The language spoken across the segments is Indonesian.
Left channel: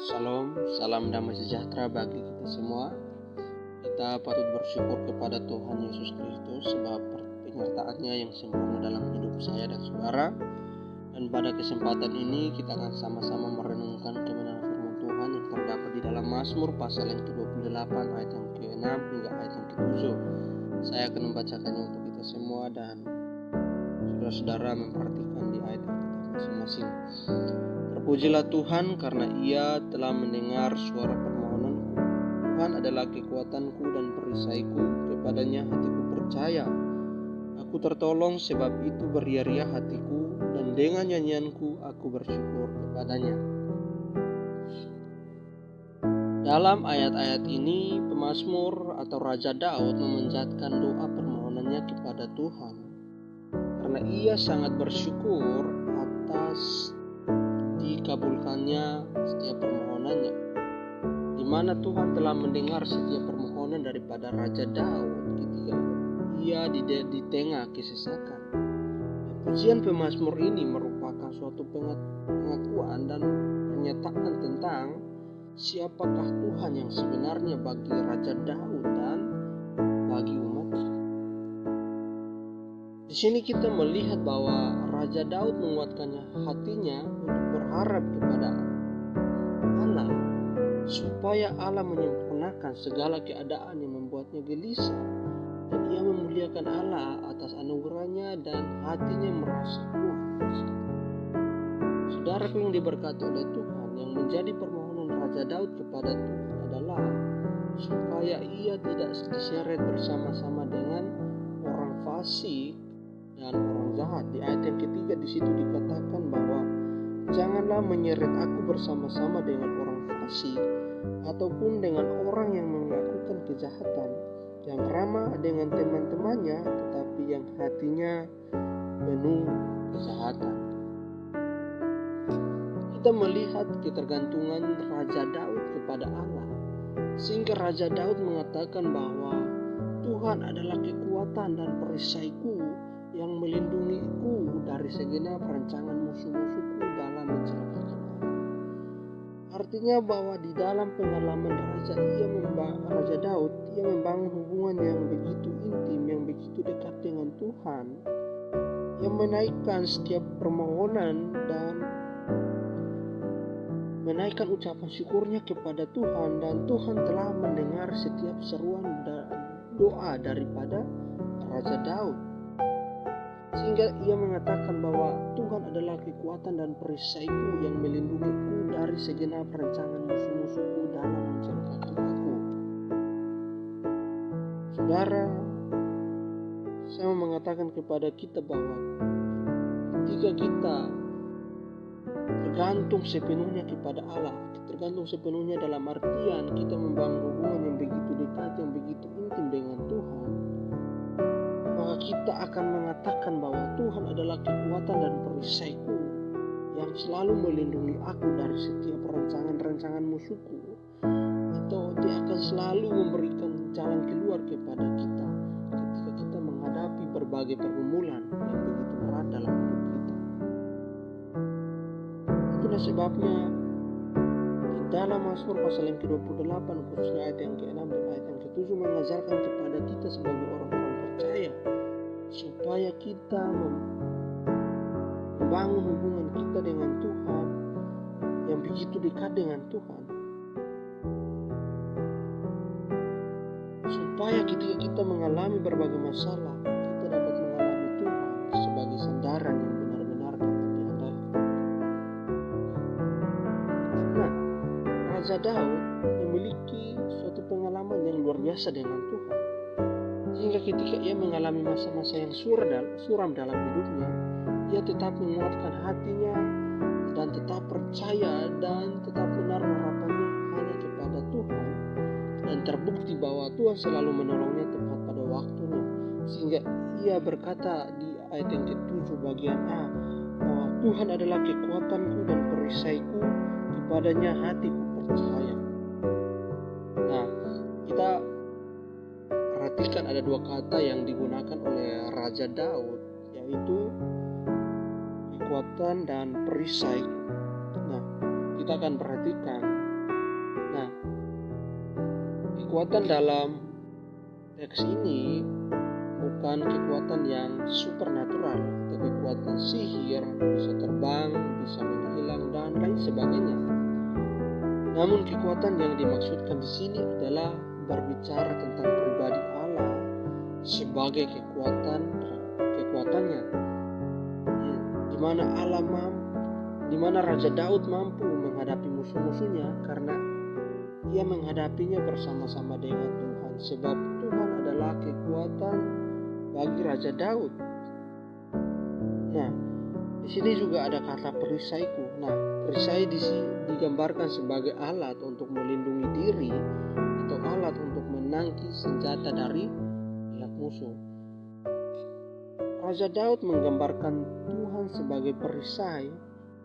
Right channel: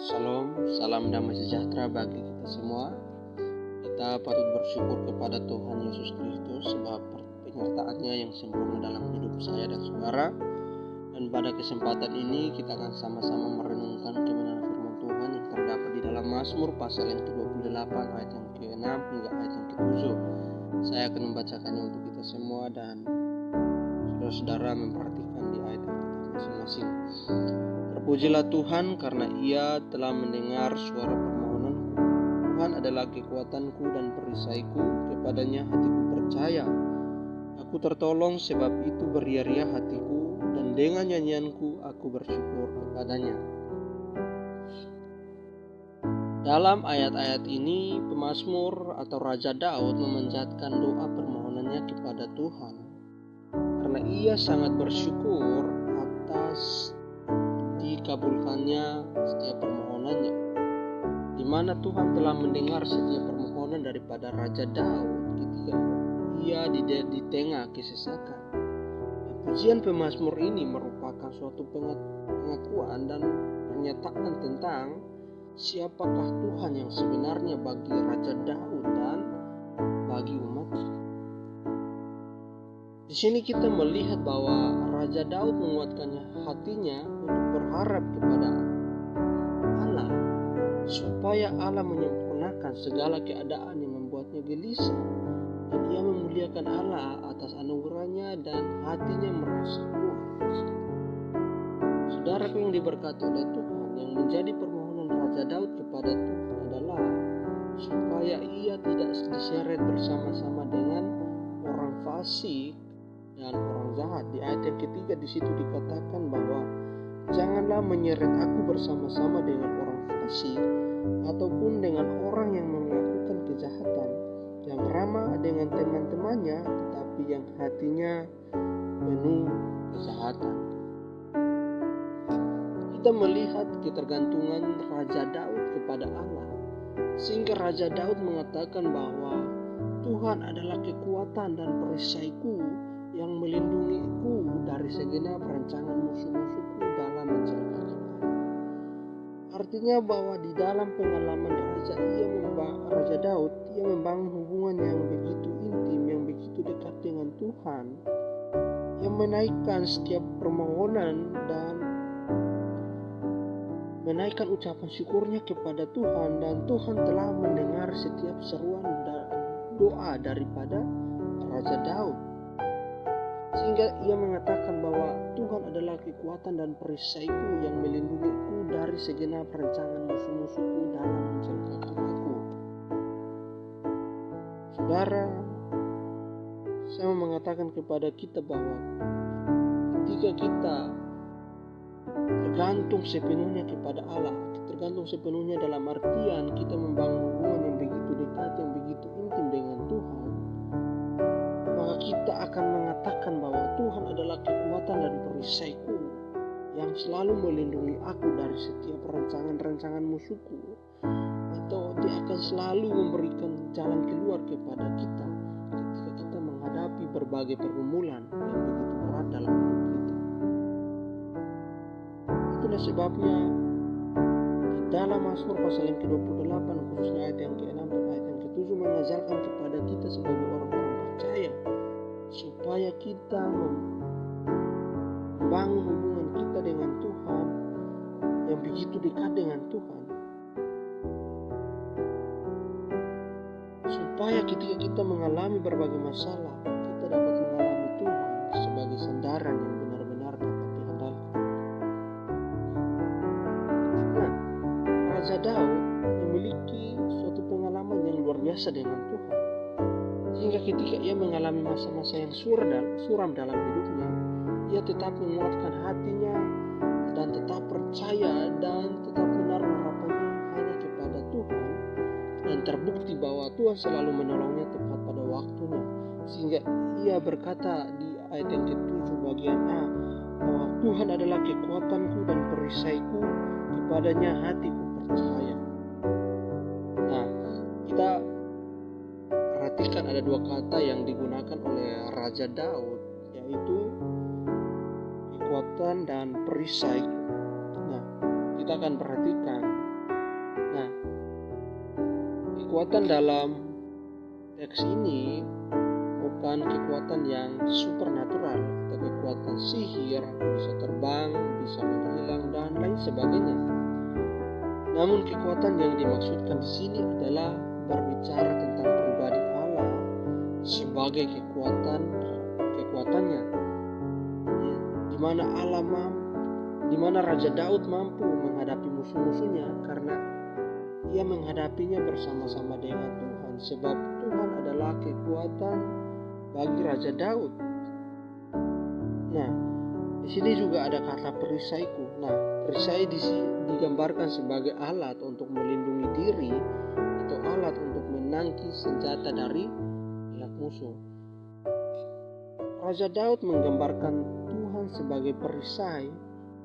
Salam, salam damai sejahtera bagi kita semua. Kita patut bersyukur kepada Tuhan Yesus Kristus sebab penyertaan-Nya yang sempurna dalam hidup saya dan saudara. Dan pada kesempatan ini kita akan sama-sama merenungkan kebenaran firman Tuhan yang terdapat di dalam Mazmur pasal yang ke-28 ayat yang ke-6 hingga ayat yang ke-7. Saya akan membacakannya untuk kita semua dan saudara-saudara memperhatikan di ayat yang kita masing-masing. Terpujilah Tuhan karena Ia telah mendengar suara permohonanku. Tuhan adalah kekuatanku dan perisaiku, kepadanya hatiku percaya. Aku tertolong sebab itu beria-ria hatiku, dan dengan nyanyianku aku bersyukur kepadanya. Dalam ayat-ayat ini, pemazmur atau Raja Daud memanjatkan doa permohonannya kepada Tuhan. Karena ia sangat bersyukur atas dikabulkannya setiap permohonannya, di mana Tuhan telah mendengar setiap permohonan daripada Raja Daud ketika ia di tengah kesesakan. Pujian pemazmur ini merupakan suatu pengakuan dan pernyataan tentang siapakah Tuhan yang sebenarnya bagi Raja Daud dan bagi umatnya. Di sini kita melihat bahwa Raja Daud menguatkannya hatinya untuk berharap kepada Allah supaya Allah menyempurnakan segala keadaan yang membuatnya gelisah, dan ia memuliakan Allah atas anugerahnya dan hatinya merasa kuat. Saudaraku yang diberkati oleh Tuhan, yang menjadi permohonan Raja Daud kepada Tuhan adalah supaya ia tidak diseret bersama-sama dengan orang fasik dan orang jahat. Di ayat yang ketiga di situ dikatakan bahwa janganlah menyeret aku bersama-sama dengan orang fasik ataupun dengan orang yang melakukan kejahatan, yang ramah dengan teman-temannya tetapi yang hatinya penuh kejahatan. Kita melihat ketergantungan Raja Daud kepada Allah, sehingga Raja Daud mengatakan bahwa Tuhan adalah kekuatan dan perisaiku yang melindungiku dari segenap rancangan musuh-musuhku dalam mencelakakan aku. Artinya bahwa di dalam pengalaman Raja Daud, ia membangun hubungan yang begitu intim, yang begitu dekat dengan Tuhan, yang menaikkan setiap permohonan dan menaikkan ucapan syukurnya kepada Tuhan, dan Tuhan telah mendengar setiap seruan doa daripada Raja Daud. Sehingga ia mengatakan bahwa Tuhan adalah kekuatan dan perisaiku yang melindungiku dari segenap rancangan musuh-musuhku dalam mencelakakan aku. Saudara, saya mau mengatakan kepada kita bahwa ketika kita tergantung sepenuhnya kepada Allah, tergantung sepenuhnya dalam artian kita membangun hubungan yang begitu dekat, yang begitu intim dengan Tuhan, maka kita akan mengatakan bahwa Tuhan adalah kekuatan dan perisaiku yang selalu melindungi aku dari setiap rancangan-rancangan musuhku, atau Dia akan selalu memberikan jalan keluar kepada kita ketika kita menghadapi berbagai pergumulan yang begitu berat dalam hidup kita. Itulah sebabnya di dalam Mazmur pasal yang ke-28, khususnya ayat yang ke-6 dan ayat yang ke-7 mengajarkan kepada kita sebagai orang-orang percaya supaya kita membangun hubungan kita dengan Tuhan yang begitu dekat dengan Tuhan, supaya ketika kita mengalami berbagai masalah, kita dapat mengalami Tuhan sebagai sandaran yang benar-benar dapat diandalkan. Nah, Raja Daud memiliki suatu pengalaman yang luar biasa dengan Tuhan, sehingga ketika ia mengalami masa-masa yang suram dalam hidupnya, ia tetap menguatkan hatinya dan tetap percaya dan tetap menaruh harapannya hanya kepada Tuhan, dan terbukti bahwa Tuhan selalu menolongnya tepat pada waktunya, sehingga ia berkata di ayat yang ke-7 bagian A bahwa Tuhan adalah kekuatanku dan perisaiku, kepadanya hatiku percaya. Nah, kita perhatikan ada dua kata yang digunakan oleh Raja Daud, yaitu kekuatan dan perisaiku. Nah, kita akan perhatikan Nah, kekuatan dalam teks ini bukan kekuatan yang supernatural atau kekuatan sihir, bisa terbang, bisa menghilang dan lain sebagainya. Namun kekuatan yang dimaksudkan di sini adalah berbicara tentang pribadi Allah sebagai kekuatannya, di mana di mana Raja Daud mampu menghadapi musuh-musuhnya karena ia menghadapinya bersama-sama dengan Tuhan, sebab Tuhan adalah kekuatan bagi Raja Daud. Nah, di sini juga ada kata perisaiku. Nah, perisai digambarkan sebagai alat untuk melindungi diri atau alat untuk menangkis senjata dari pihak musuh. Raja Daud menggambarkan Tuhan sebagai perisai,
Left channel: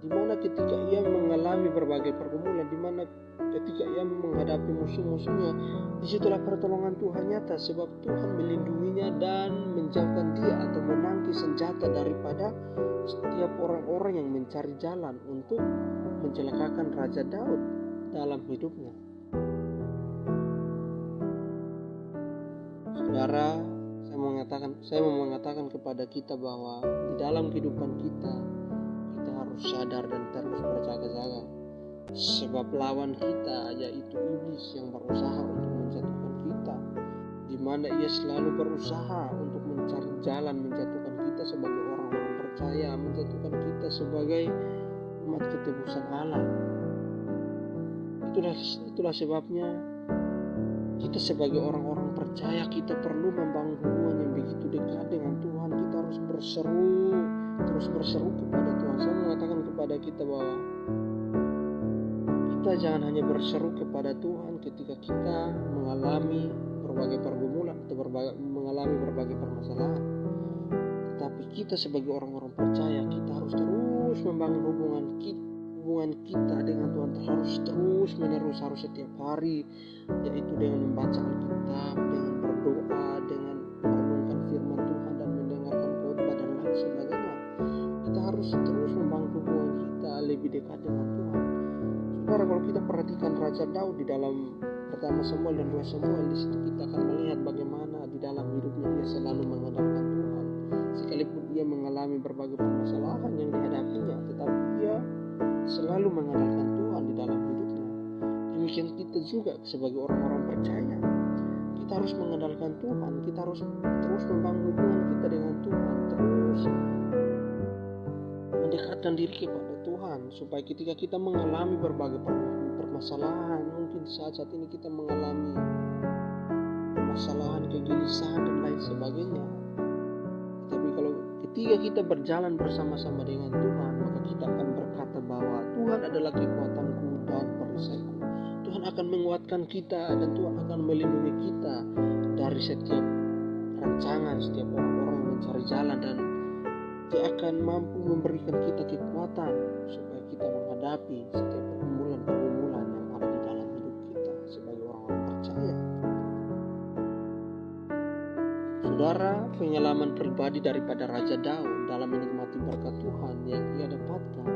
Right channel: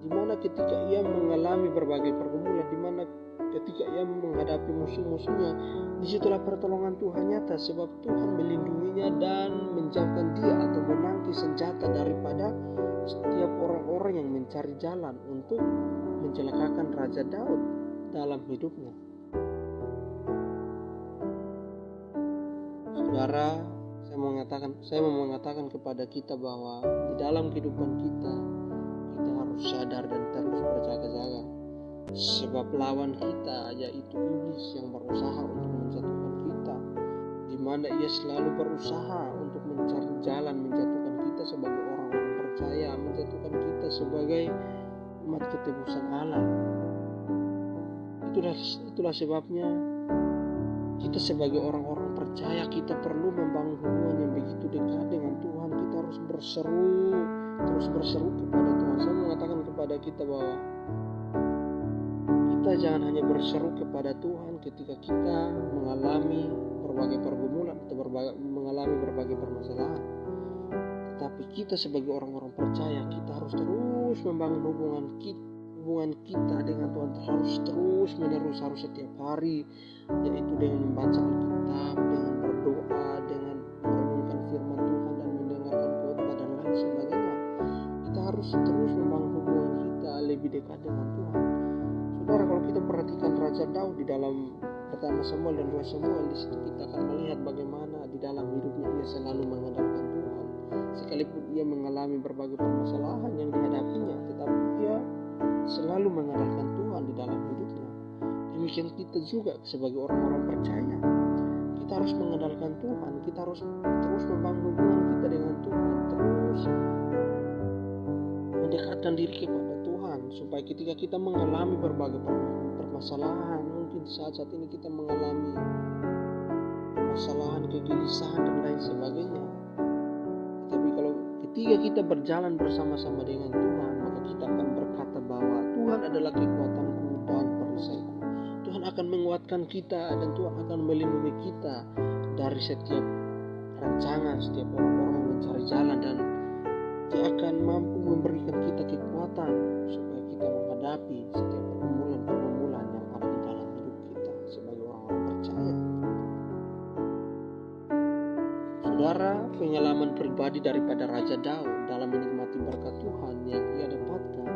di mana ketika ia mengalami berbagai pergumulan, di mana ketika ia menghadapi musuh-musuhnya, disitulah pertolongan Tuhan nyata, sebab Tuhan melindunginya dan menjauhkan dia atau menangkis senjata daripada setiap orang-orang yang mencari jalan untuk mencelakakan Raja Daud dalam hidupnya. Saudara, saya mau mengatakan kepada kita bahwa di dalam kehidupan kita harus sadar dan terus berjaga-jaga, sebab lawan kita yaitu iblis yang berusaha untuk menjatuhkan kita, di mana ia selalu berusaha untuk mencari jalan menjatuhkan kita sebagai orang-orang percaya, menjatuhkan kita sebagai umat ketebusan Allah. Itulah sebabnya kita sebagai orang-orang percaya, kita perlu membangun hubungan yang begitu dekat dengan Tuhan. Kita harus terus berseru kepada Tuhan. Saya mengatakan kepada kita bahwa kita jangan hanya berseru kepada Tuhan ketika kita mengalami berbagai pergumulan atau mengalami berbagai permasalahan, tetapi kita sebagai orang-orang percaya, kita harus terus membangun hubungan kita dengan Tuhan, harus terus menerus, harus setiap hari, yaitu dengan membaca Alkitab, dengan berdoa, dengan merenungkan firman Tuhan dan mendengarkan khotbah dan lain sebagainya. Kita harus terus membangun hubungan kita lebih dekat dengan Tuhan. Saudara, kalau kita perhatikan Raja Daud di dalam pertama Samuel dan 2 Samuel, di situ kita akan melihat bagaimana di dalam hidupnya ia selalu mengandalkan Tuhan, sekalipun ia mengalami berbagai permasalahan yang dihadapinya, tetapi ia selalu mengandalkan Tuhan di dalam hidupnya. Demikian kita juga sebagai orang-orang percaya, kita harus mengandalkan Tuhan, kita harus terus membangun hubungan kita dengan Tuhan, terus mendekatkan diri kepada Tuhan, supaya ketika kita mengalami berbagai permasalahan, mungkin saat ini kita mengalami permasalahan, kegelisahan dan lain sebagainya, tapi kalau ketika kita berjalan bersama-sama dengan Tuhan, maka kita akan berkata bahwa Tuhan adalah kekuatanku dan perisaiku. Tuhan akan menguatkan kita dan Tuhan akan melindungi kita dari setiap rancangan, setiap orang-orang yang mencari jalan, dan Dia akan mampu memberikan kita kekuatan supaya kita menghadapi setiap pergumulan yang ada di dalam hidup kita sebagai orang-orang percaya. Saudara, pengalaman pribadi daripada Raja Daud dalam menikmati berkat Tuhan yang ia dapatkan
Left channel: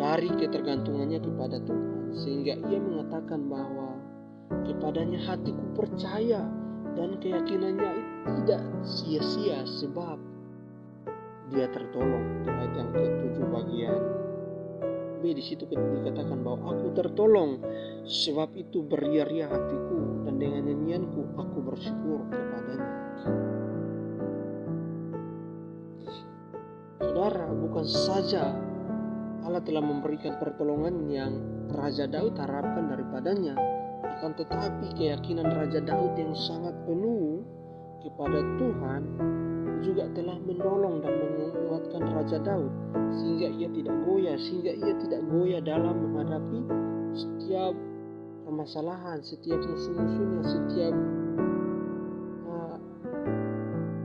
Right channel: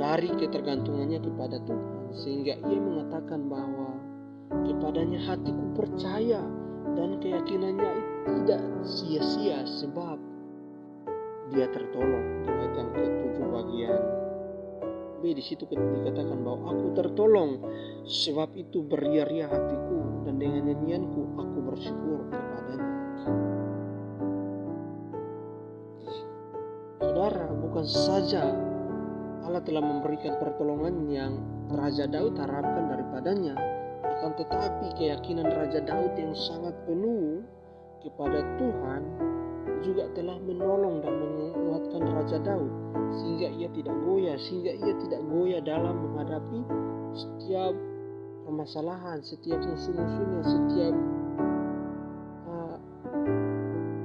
dari ketergantungannya kepada Tuhan, sehingga ia mengatakan bahwa kepadanya hatiku percaya dan keyakinannya tidak sia-sia, sebab dia tertolong. Di ayat yang ke-7 bagian B, di situ dikatakan bahwa aku tertolong, sebab itu beria-ria hatiku, dan dengan nyanyianku aku bersyukur kepadanya. Saudara, bukan saja Allah telah memberikan pertolongan yang Raja Daud harapkan daripadanya, akan tetapi keyakinan Raja Daud yang sangat penuh kepada Tuhan juga telah menolong dan menguatkan Raja Daud, sehingga ia tidak goyah dalam menghadapi setiap permasalahan, setiap musuh-musuhnya, setiap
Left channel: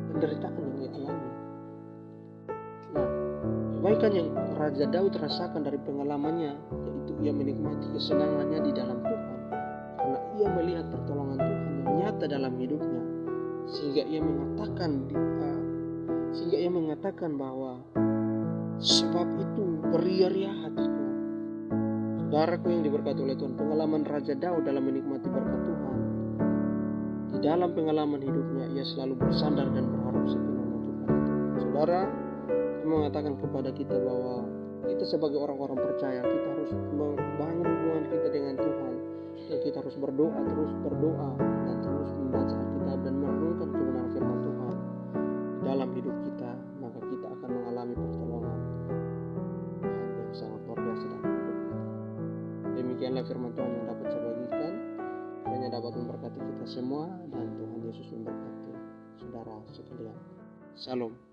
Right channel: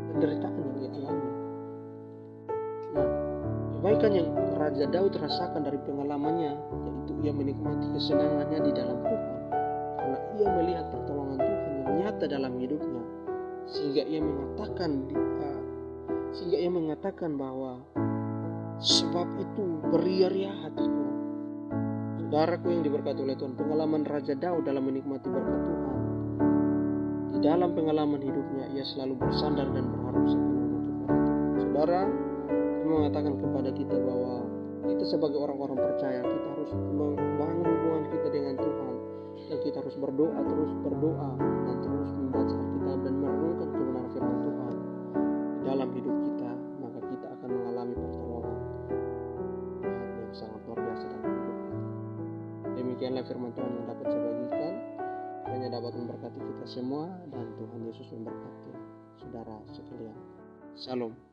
penderitaan yang ia alami. Nah, kebaikan yang Raja Daud rasakan dari pengalamannya, yaitu ia menikmati kesenangannya di dalam Tuhan, karena ia melihat pertolongan Tuhan yang nyata dalam hidupnya, sehingga ia mengatakan bahwa sebab itu beria-ria hatiku. Saudaraku yang diberkati oleh Tuhan, pengalaman Raja Daud dalam menikmati berkat Tuhan, di dalam pengalaman hidupnya ia selalu bersandar dan berharap sepenuhnya kepada Tuhan. Saudara, saya mengatakan kepada kita bahwa kita sebagai orang-orang percaya, kita harus membangun hubungan kita dengan Tuhan, dan kita harus berdoa, terus berdoa, dan terus membaca Alkitab dan merenungkan kebenaran firman Tuhan di dalam hidup kita. Maka kita akan mengalami pertolongan Tuhan yang sangat luar biasa dalam hidup kita. Demikianlah firman Tuhan yang dapat saya bagikan. Kiranya dapat memberkati kita semua, dan Tuhan Yesus memberkati saudara sekalian. Shalom.